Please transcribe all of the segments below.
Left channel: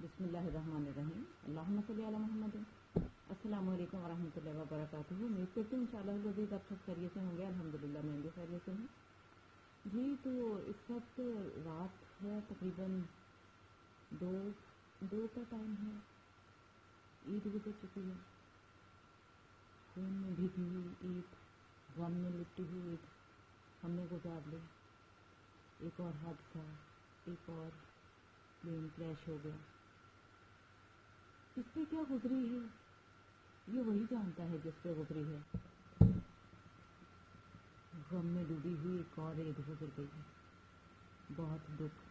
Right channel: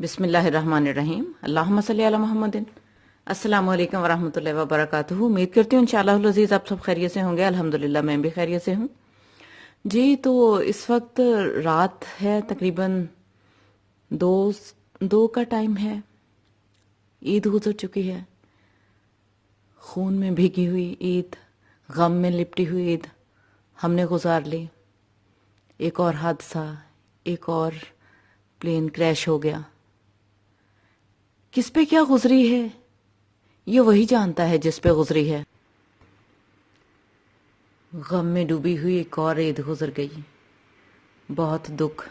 بسم اللہ الرحمن الرحیم اللہم صلی علی محمد۔ السلام علیکم ورحمۃ اللہ وبرکاتہ۔ امید کرتی ہوں انشاءاللہ العزیز آپ سب خیریت سے ہوں گے۔ الحمدللہ میں بھی خیریت سے ہوں جی۔ تو اس وقت رات ہے، تقریباً دو کا ٹائم ہے، عید گزر چکی ہے، خون میں بھیگی ہوئی عید، غم میں لپٹی ہوئی عید ہم نے گزار لی۔ ایک اور حادثہ، ایک اور پلین کریش ہو گیا۔ کس پہ کیا گزری ہے یہ وہی جانتا ہے جس پہ گزری ہے۔ غم میں ڈوبی ہوئی ایک اور عید گزر گئی۔ بہت دکھ،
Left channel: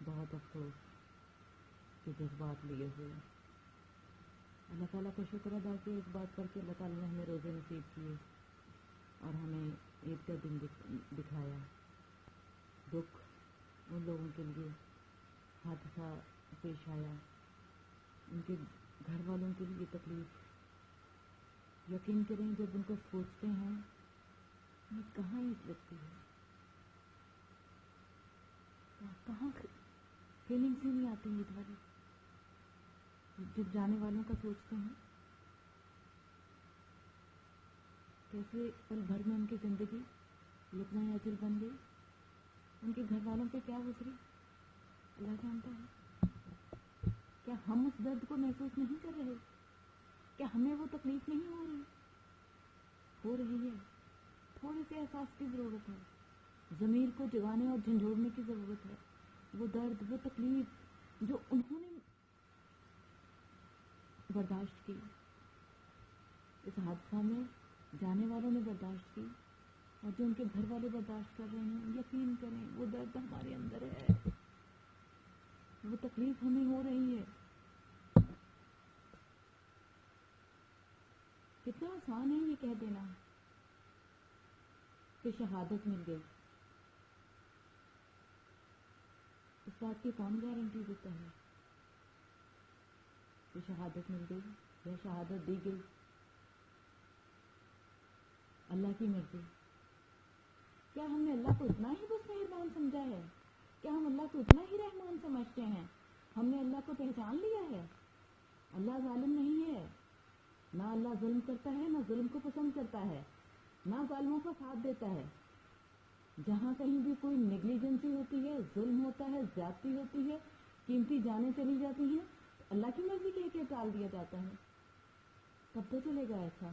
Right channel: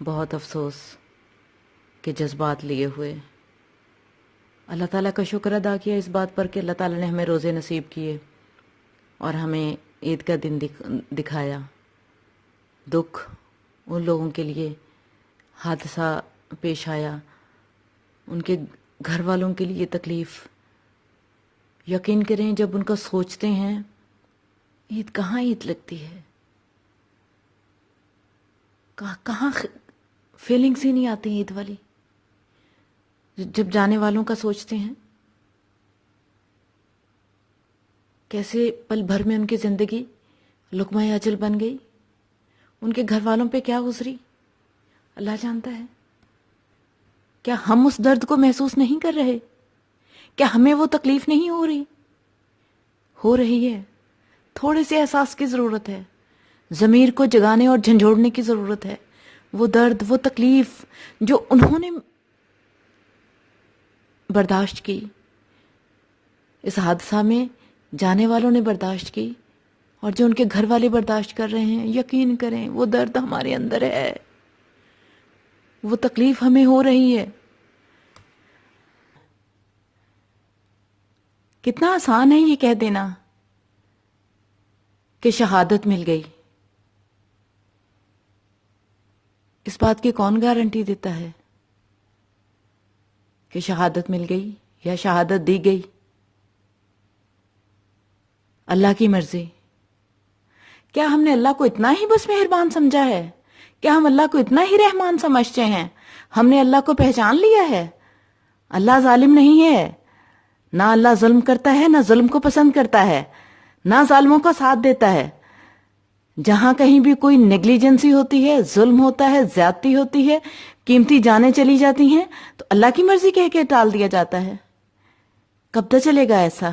بہت افسوس کے جذبات لیے ہوئے اللہ تعالیٰ کا شکر ادا کیا اس بات پر کہ اللہ تعالیٰ نے ہمیں روزے نصیب کیے اور ہمیں عید کا دن دکھایا۔ دکھ ان لوگوں کے لیے، حادثہ پیش آیا، ان کے گھر والوں کے لیے تکلیف۔ یقین کریں جب ان کا سوچتے ہیں، عید کہاں عید لگتی ہے، کہاں فیلنگس ہی نہیں آتی عید والی۔ جب جانے والوں کا سوچتے ہیں، کیسے پل بھر میں ان کی زندگی لقمہ اجل بن گئی، ان کے گھر والوں پہ کیا گزری اللہ جانتا ہے۔ کیا ہم اس درد کو محسوس نہیں کر رہے؟ کیا ہمیں وہ تکلیف نہیں ہو رہی ہے؟ تھوڑے سے احساس کی ضرورت ہے، ضمیر کو جگانے اور جھنجھوڑنے کی ضرورت ہے۔ وہ درد، وہ تکلیف جو انہوں نے برداشت کی، اس حادثہ میں جانے والوں نے برداشت کی، اور جو ان کے گھر والے برداشت کر رہے ہیں، یقین کریں وہ درد ہمارے اندر ہے، وہ تکلیف ہمیں ہو رہی ہے۔ کتنا آسان ہے یہ کہہ دینا کہ شہادت مل گئی۔ اس بات کی کون گارنٹی دیتا ہے کہ شہادت مل گئی یا شہادت دی گئی؟ اللہ کی مرضی۔ کیا ہم نے اللہ کو اتنا ہی بس مہربان سمجھا ہے؟ کیا ہم اللہ کو اتنا ہی رحمان سمجھتے ہیں؟ ہم نے اللہ کو پہچان لیا ہے؟ اللہ ظالم نہیں ہے، نہ اللہ ظلم کرتا ہے، نہ ظلم کو پسند کرتا ہے، نہ ظالموں کا ساتھ دیتا ہے۔ جہاں کہیں بھی کوئی نیگلیجنسی ہوتی ہے، ظلم ہوتا ہے، زیادتی ہوتی ہے، قیمتی جانیں چلی جاتی ہیں، تو اللہ کی مرضی کہہ کے ٹال دیا جاتا ہے۔ کب تک چلے گا ایسا؟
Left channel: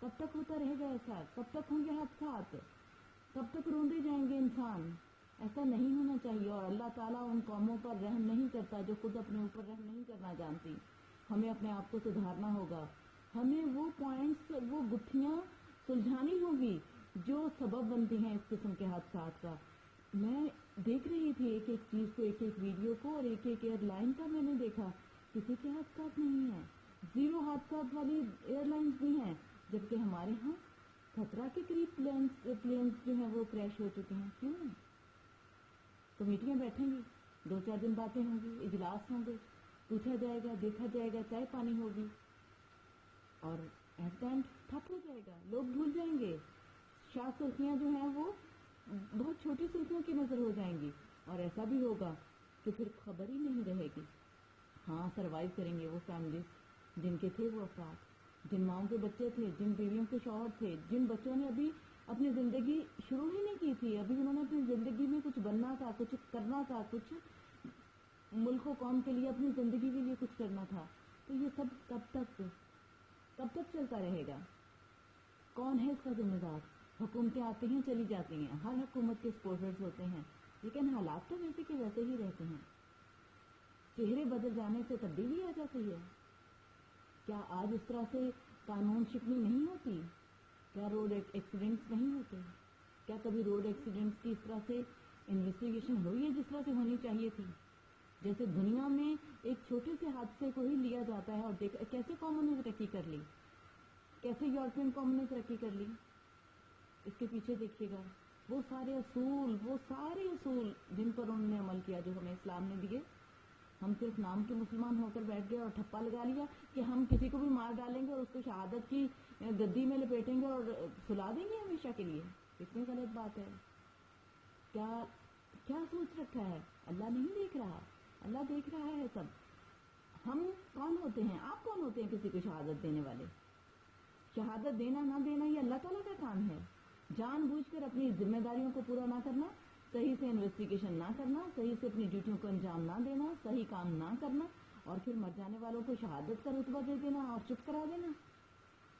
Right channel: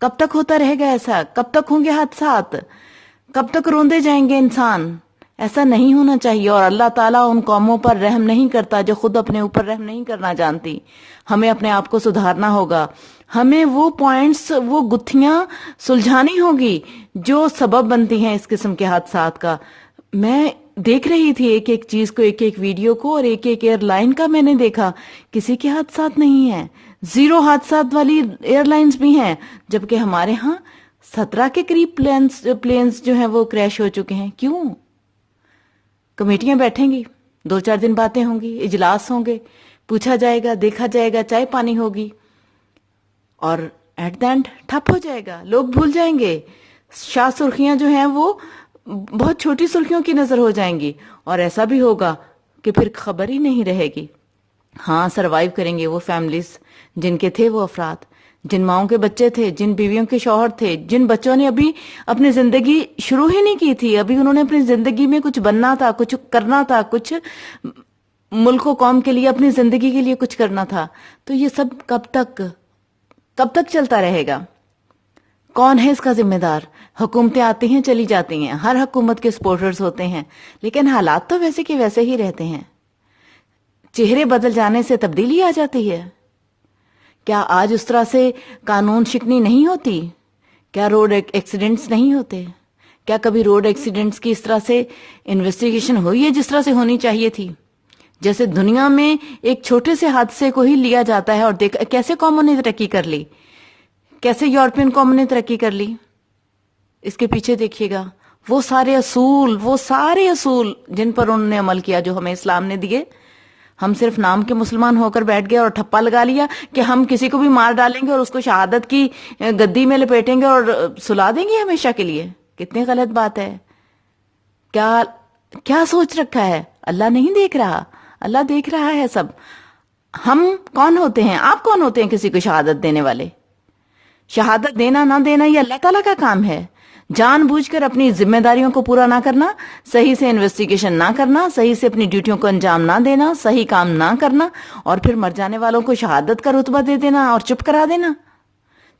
کب تک ہوتا رہے گا ایسا؟ کب تک ہوں گے حادثات؟ کب تک روندے جائیں گے انسان؟ ایسا نہیں ہونا چاہیے۔ اور اللہ تعالیٰ ان قوموں پر رحم نہیں کرتا جو خود اپنے اوپر رحم نہیں کرنا جانتی۔ ہمیں اپنے آپ کو سدھارنا ہوگا، ہمیں وہ پوائنٹس، وہ گتھیاں سلجھانی ہوگی جو سبب بنتی ہیں اس قسم کے حادثات کا۔ میں دیکھ رہی تھی ایک ایک چیز کو، ایک ایک ویڈیو کو، اور ایک ایک ایئر لائن کا میں نے دیکھا، کسی کے حادثات نہیں ہیں، زیرو حادثات والی ایئر لائنز بھی ہیں، جبکہ ہمارے ہاں 17 کے قریب پلینز جو ہیں وہ کریش ہو چکے ہیں۔ کیوں؟ کمیٹیاں بیٹھیں گی، 2-4 دن باتیں ہوں گی، اجلاس ہوں گے، پوچھا جائے گا، دیکھا جائے گا، چائے پانی ہوگی، اور ایٹ دا اینڈ ٹھپ ہو جائے گا، لوگ بھول جائیں گے۔ شاہ سرخیاں جو ہیں وہ بہت چھوٹی سرخیوں کی نظر ہو جائیں گی، اور ایسا بھی ہوگا کہ پھر خبر ہی نہیں رہے گی۔ ہاں، سروائیو کریں گے وہ فیملیز جن کے تھے وہ افراد، جن ماؤں کے بچے تھے، جن بیویوں کے شوہر تھے، جن بچوں نے ابھی اپنی زندگی شروع ہی نہیں کی تھی، ابھی انہوں نے اپنی زندگی میں کچھ بننا تھا، کچھ کرنا تھا، کچھ ملک و قوم کے لیے، اپنی زندگی کے لیے کچھ کرنا تھا۔ تو یہ سب کب تک چلتا رہے گا؟ کون ہے اس کا ذمہ دار؟ حکومتیں آتی ہیں، چلی جاتی ہیں، ہر حکومت کے سپورٹرز ہوتے ہیں، لیکن حالات تو ویسے کے ویسے ہی رہتے ہیں۔ چہرے بدل جانے سے تبدیلی آ جاتی ہے۔ کیا آج اس طرح سے قانون شکنی نہیں ہوتی؟ کیا روڈ ایکسیڈنٹس نہیں ہوتے؟ کیا کبھی روڈ ایکسیڈنٹس کی اس طرح سے انویسٹیگیشن ہوئی ہے جس طرح سے ہونی چاہیے تھی؟ جیسے دنیا میں ایک چھوٹے سے حادثے کو ہی لیا جاتا ہے اور دیکھ کیسے قوموں نے ترقی کر لی، کیسے یورپین قوموں نے ترقی کر لی۔ اس کے پیچھے دیکھیے گا وہ سارے اصول جن پر انہوں نے عمل کیا، جو ہمیں اسلام نے دیے۔ ہم صرف نام کے مسلمان ہو کر بیٹھ گئے اور ٹھپا لگا لیا کہ ہم کسی کو بھی مار ڈالیں گے اور اس کو شہادت کی گدی میں لپیٹیں گے اور سلا دیں گے ہمیشہ کے لیے۔ کتنی غلط بات ہے۔ کیا سوچ رکھا ہے؟ اللہ نہیں دیکھ رہا؟ اللہ دیکھ رہا ہے سب. ہم کون ہوتے ہیں؟ آپ کون ہوتے ہیں کسی کو شہادت دینے والے؟ شہادت دینا نہ دینا یہ اللہ تعالیٰ کا کام ہے. جان بوجھ کر اپنی ذمہ داریوں کو پورا نہ کرنا، صحیح سے انویسٹیگیشن نہ کرنا، صحیح سے اپنی ڈیوٹیوں کو انجام نہ دینا، صحیح کام نہ کرنا، اور پھر مر جانے والوں کو شہادت کا رتبہ دے دینا اور چپ کرا دینا.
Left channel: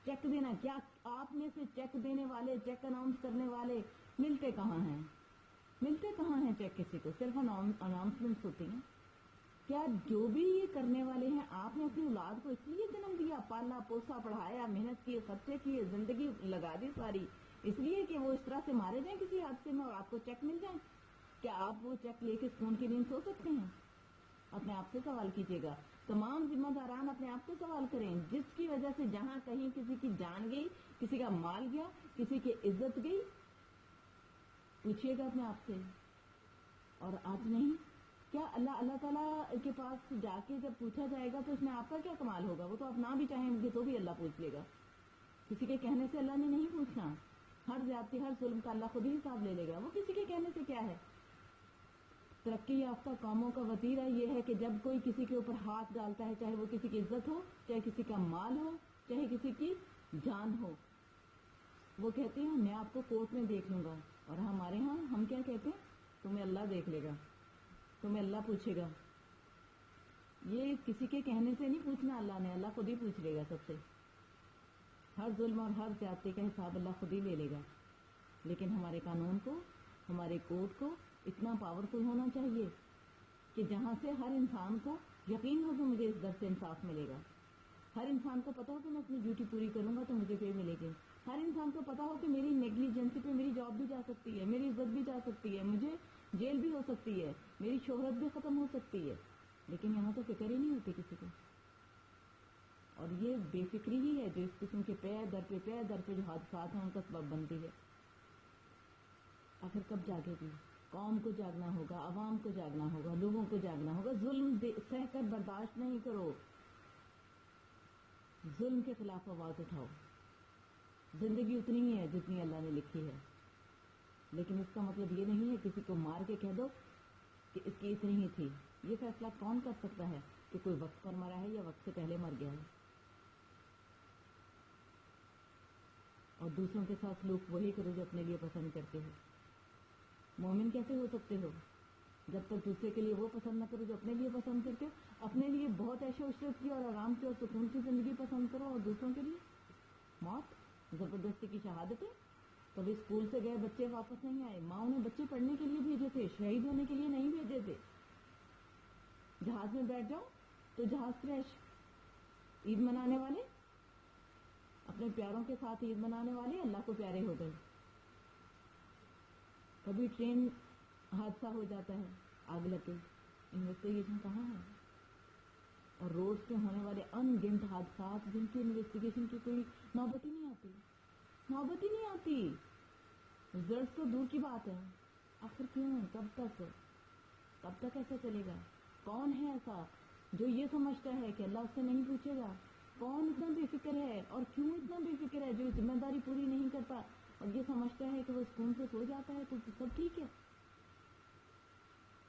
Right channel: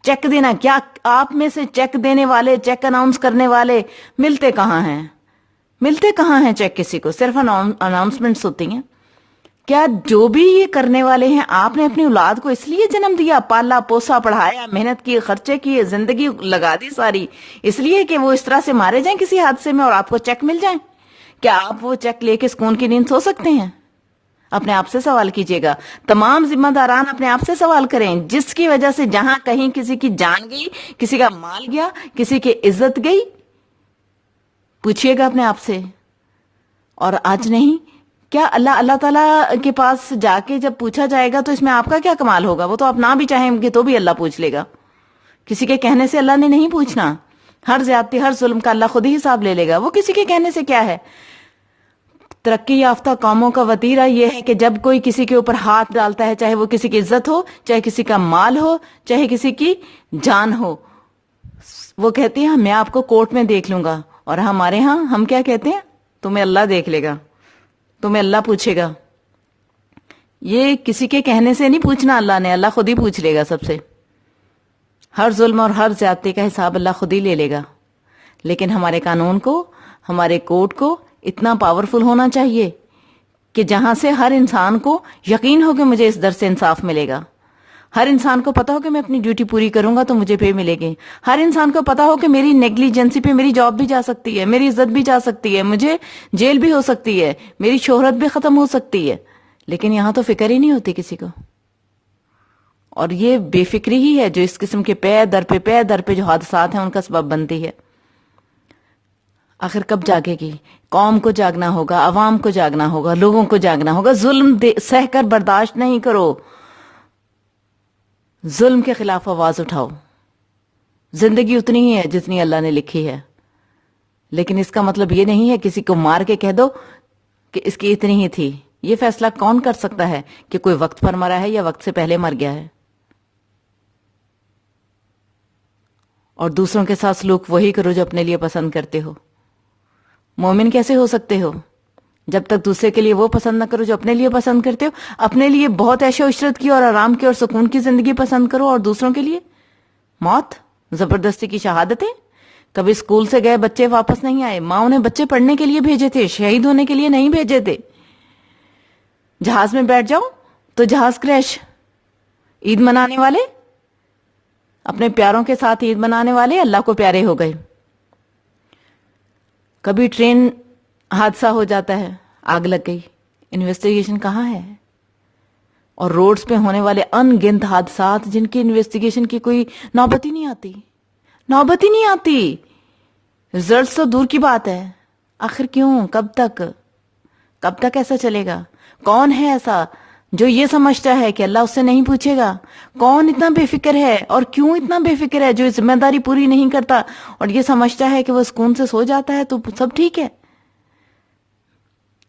چیک دینا، کیا آپ میں سے چیک دینے والے، چیک اناؤنس کرنے والے ملتے کہاں ہیں؟ ملتے کہاں ہیں چیک کسی کو؟ صرف اناؤنسمنٹس ہوتی ہیں. کیا جو بھی یہ کرنے والے ہیں، آپ نے اپنی اولاد کو اس لیے جنم دیا، پالا پوسا، پڑھایا، محنت کی، خرچے کیے، زندگی لگا دی ساری، اس لیے کہ وہ اس طرح سے مارے جائیں کسی حادثے میں اور آپ کو چیک مل جائیں؟ کیا آپ وہ چیک لے کے سکون کی نیند سو سکتے ہیں؟ اپنے آپ سے سوال کیجئے گا. تمام ذمہ داران اپنے آپ سے سوال کریں. جس کی وجہ سے جہاں کہیں کسی کی جان گئی، کسی کا مال گیا، کسی کی عزت گئی، پوچھئے گا اپنے آپ سے. اور آج نہیں، کیا اللہ تعالیٰ کے پاس جا کے جب پوچھا جائے گا تو اس میں آپ کا کیا کمال ہوگا؟ وہ تو آپ نہ بھی چاہیں گے تو بھی اللہ پوچھ لے گا. کسی کے کہنے سے اللہ نے نہیں پوچھنا. ہر زیادتی، ہر ظلم کا اللہ خود ہی حساب لے لے گا. وہ کسی کے کہنے سے کیا ہے؟ ترقی یافتہ قوموں کا وتیرہ یہ ہے کہ جب کوئی کسی کے اوپر ہاتھ ڈالتا ہے، چاہے وہ کسی کی عزت ہو، چاہے کسی کا مال ہو، چاہے کسی کی جان ہو، وہ کہتی ہیں میں آپ کو کورٹ میں دیکھ لوں گا. اور ہمارے ہاں ہم کیا کہتے ہیں؟ تمہیں اللہ دیکھ لے گا، تمہیں اللہ پوچھے گا. یہ کسی کے کہنے سے نہیں پوچھنا اللہ نے، اللہ خود ہی پوچھ لے گا سب سے. ہر ظلم اور ہر زیادتی کا حساب اللہ خود ہی لے لے گا. لیکن ہمارے قانون کو، ہمارے کوڈ کو اتنا پاورفل ہونا چاہیے کہ جہاں سے ہر انسان کو یقین ہو کہ مجھے اس در سے انصاف ملے گا. ہر انسان کو پتا ہو کہ میں اپنی ڈیوٹی پوری کروں گا تو مجھے پے ملے گی. ہر انسان کو پتا ہو کہ میری نیگلیجنسی پہ میری جاب بھی جا سکتی ہے، میری عزت بھی جا سکتی ہے، مجھے جیل بھی ہو سکتی ہے، میری شہرت بھی ختم ہو سکتی ہے. لیکن یہاں تو فکر ہی نہیں ہوتی کسی کو. اور یہ بے فکری ہی ہے جو اس قسم کے پے در پہ جو حادثات ہیں ان کا سبب بنتی ہے. آخر کب جاگے گی؟ قوم کو جاگنا ہوگا، عوام کو جاگنا ہوگا، لوگوں کو جاگنا ہوگا. ظلم سہ کر برداشت نہیں کرو. ظلم کے خلاف آواز اٹھاؤ. زندگی اتنی ہی ہے جتنی اللہ نے لکھی ہے. لیکن اس کا مطلب یہ نہیں ہے کسی کو مار کے کہہ دو کہ اس کی اتنی ہی تھی. یہ فیصلہ کون کر سکتا ہے کہ کوئی وقت پر مرا ہے یا وقت سے پہلے مر گیا ہے؟ اور دوسروں کے ساتھ سلوک وہی کرو جو اپنے لیے پسند کرتے ہو. مومن کیسے ہو سکتے ہو جب تک دوسرے کے لیے وہ پسند نہ کرو جو اپنے لیے پسند کرتے ہو؟ اپنے لیے بہت عیش و عشرت کی اور آرام کی اور سکون کی زندگی پسند کرو، اور دوسروں کے لیے موت، زبردستی کی شہادتیں. کبھی اسکول سے گئے بچے واپس نہیں آئے، ماں انہیں بچے پڑھنے کے لیے بھیجے تھے، شہید ہونے کے لیے نہیں بھیجے تھے. جہاز میں بیٹھ جاؤ تو جہاز کریش. عید منانے والے، اپنے پیاروں کے ساتھ عید منانے والے اللہ کو پیارے ہو گئے. کبھی ٹرین حادثہ ہو جاتا ہے، آگ لگ گئی، انویسٹیگیشن کہاں ہے؟ اور روڈز پہ ہونے والے ان گنت حادثات جن کی انویسٹیگیشن کی کوئی نوبت ہی نہیں آتی. رزلٹس تو دور کی بات ہے. آخر کیوں؟ کب تک ایسا چلے گا؟ کون ہے ایسا جو یہ سمجھتا ہے کہ اللہ اس سے نہیں پوچھے گا؟ کون اتنا بے فکر ہے، اور کیوں اتنا بے فکر ہے، جو ذمہ داری پوری نہیں کرتا اور یہ سمجھتا ہے کہ وہ سکون سے سو جاتا ہے تو سب ٹھیک ہے؟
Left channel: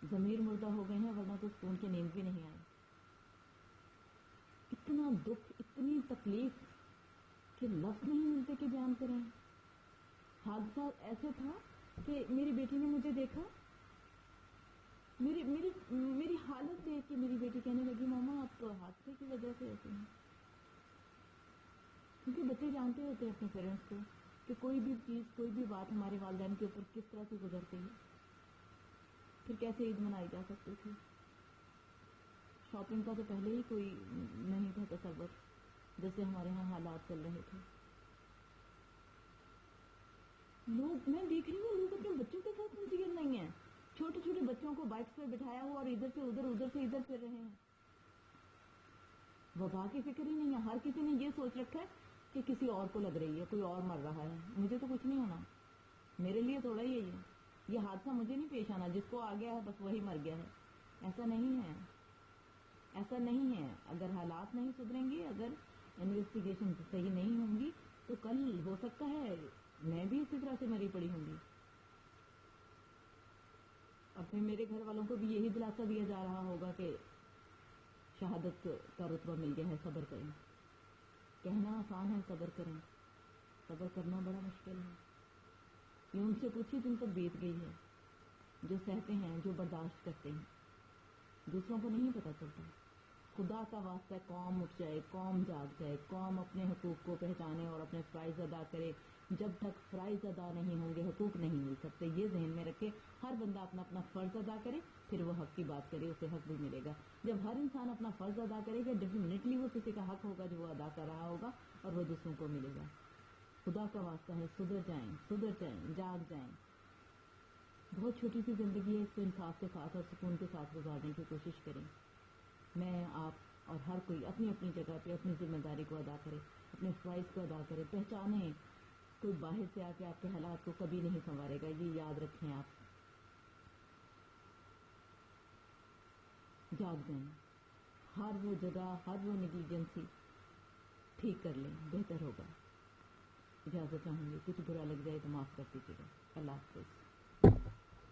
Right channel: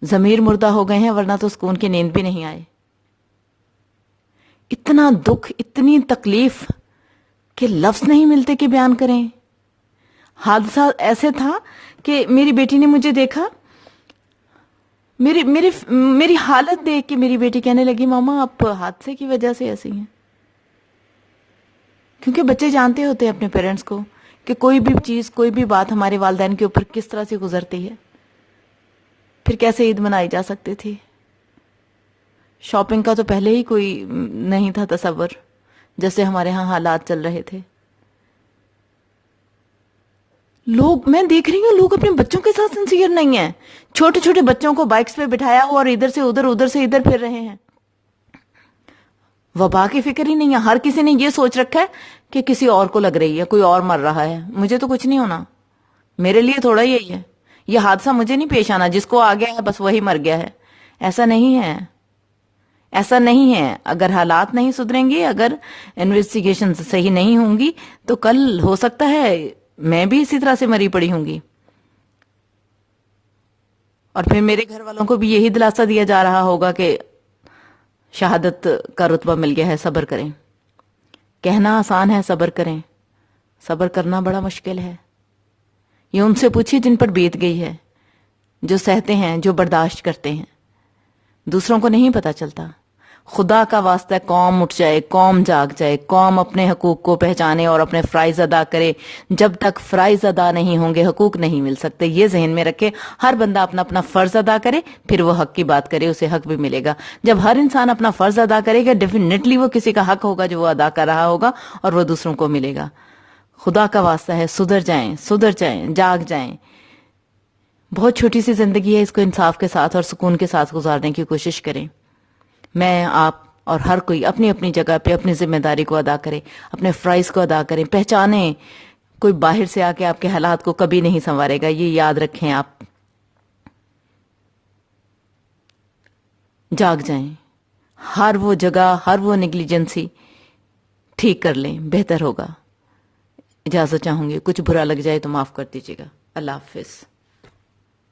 ضمیر مردہ ہو گئے ہیں، ورنہ تو سکون کی نیند بھی نہیں آئے. اتنا دکھ، اتنی تکلیف کہ لفظ نہیں ملتے کہ بیان کریں. حادثہ ایسے تھا کہ میری بیٹی نے مجھے دیکھا، میری حالت دیکھ کے میری بیٹی کہنے لگی ماما آپ حادثے کی وجہ سے ایسی ہیں. کیونکہ بچے جانتے ہوتے ہیں اپنے پیرنٹس کو کہ کوئی بھی چیز، کوئی بھی بات ہمارے والدین کے اوپر کس طرح سے گزرتی ہے. پھر کیسے عید منائی جا سکتی تھی؟ شاپنگ کا تو پہلے ہی کوئی نہیں تھا تصور، جیسے ہمارے ہاں حالات چل رہے تھے. میں دیکھ رہی ہوں لوگ اپنے بچوں کے ساتھ سنسیئر نہیں ہیں. چھوٹے چھوٹے بچوں کو بائکس پہ بٹھایا ہوا اور ادھر سے ادھر، ادھر سے ادھر پھر رہے ہیں. وبا کی فکر ہی نہیں ہے. ہر کسی نے یہ سوچ رکھا ہے کہ کسی اور کو لگ رہی ہے، کوئی اور مر رہا ہے، مجھے تو کچھ نہیں ہونا، میرے لیے تھوڑا یہی ہے، یہ حادثہ مجھے نہیں پیش آنا، جس کو آ گیا ہے بس وہی مر گیا ہے. ایسا نہیں ہے. اگر حالات نہیں سدھریں گے، اگر انویسٹیگیشن صحیح نہیں ہوں گی تو کل ہو سکتا ہے میں بھی اسی طرح سے مری پڑی ہوں گی. اور پھر میرے گھر والوں کو بھی یہی دلاسا دیا جا رہا ہوگا کہ شہادت کا رتبہ مل گیا ہے، صبر کریں۔ کہنا آسان ہے صبر کریں، صبر کرنا بڑا مشکل ہے۔ یہ ان سے پوچھیے جن پر بیت گئی ہے، جو سہتے ہیں، جو برداشت کرتے ہیں۔ دوسروں کو نہیں پتہ چلتا۔ خدا کا واسطہ قوم اٹھ جائے، قوم جاگ جائے، قوم اپنے حقوق کو پہچانے اور اپنے فرائض ادا کرے۔ جب تک فرائض ادا نہیں ہوں گے حقوق نہیں مل سکتے۔ یہ ذہن میں رکھے، ہر بندہ اپنا اپنا فرض ادا کرے، پھر وہ حق کی بات کرے، اسے حق بھی ملے گا۔ جب ہر انسان اپنا فرض ادا کرے گا، ڈیفینیٹلی وہ کسی کا حق ہوگا جو وہ ادا کر رہا ہوگا، اور وہ دوسروں کو ملے گا۔ خدا کا واسطہ ہے، سدھر جائیں، جاگ جائیں۔ بہت چھوٹی سی زندگی ہے، اس کو انصاف کے ساتھ اور سکون کے ساتھ گزارنے کی کوشش کریں۔ میں، آپ اور ہر کوئی اپنی اپنی جگہ پہ اپنی ذمہ داری کو ادا کرے، اپنے فرائض کو ادا کریں، پہچانیں۔ کوئی باہر سے آ کے آپ کے حالات کو کبھی نہیں سنوارے گا، یہ یاد رکھیں۔ آپ جاگ جائیں، ہر وہ جگہ، ہر وہ نیگلیجنسی ٹھیک کر لیں، بہتر ہوگا۔ اجازت چاہوں گی، کچھ برا لگ جائے تو معاف کر دیجیے گا۔ اللہ حافظ۔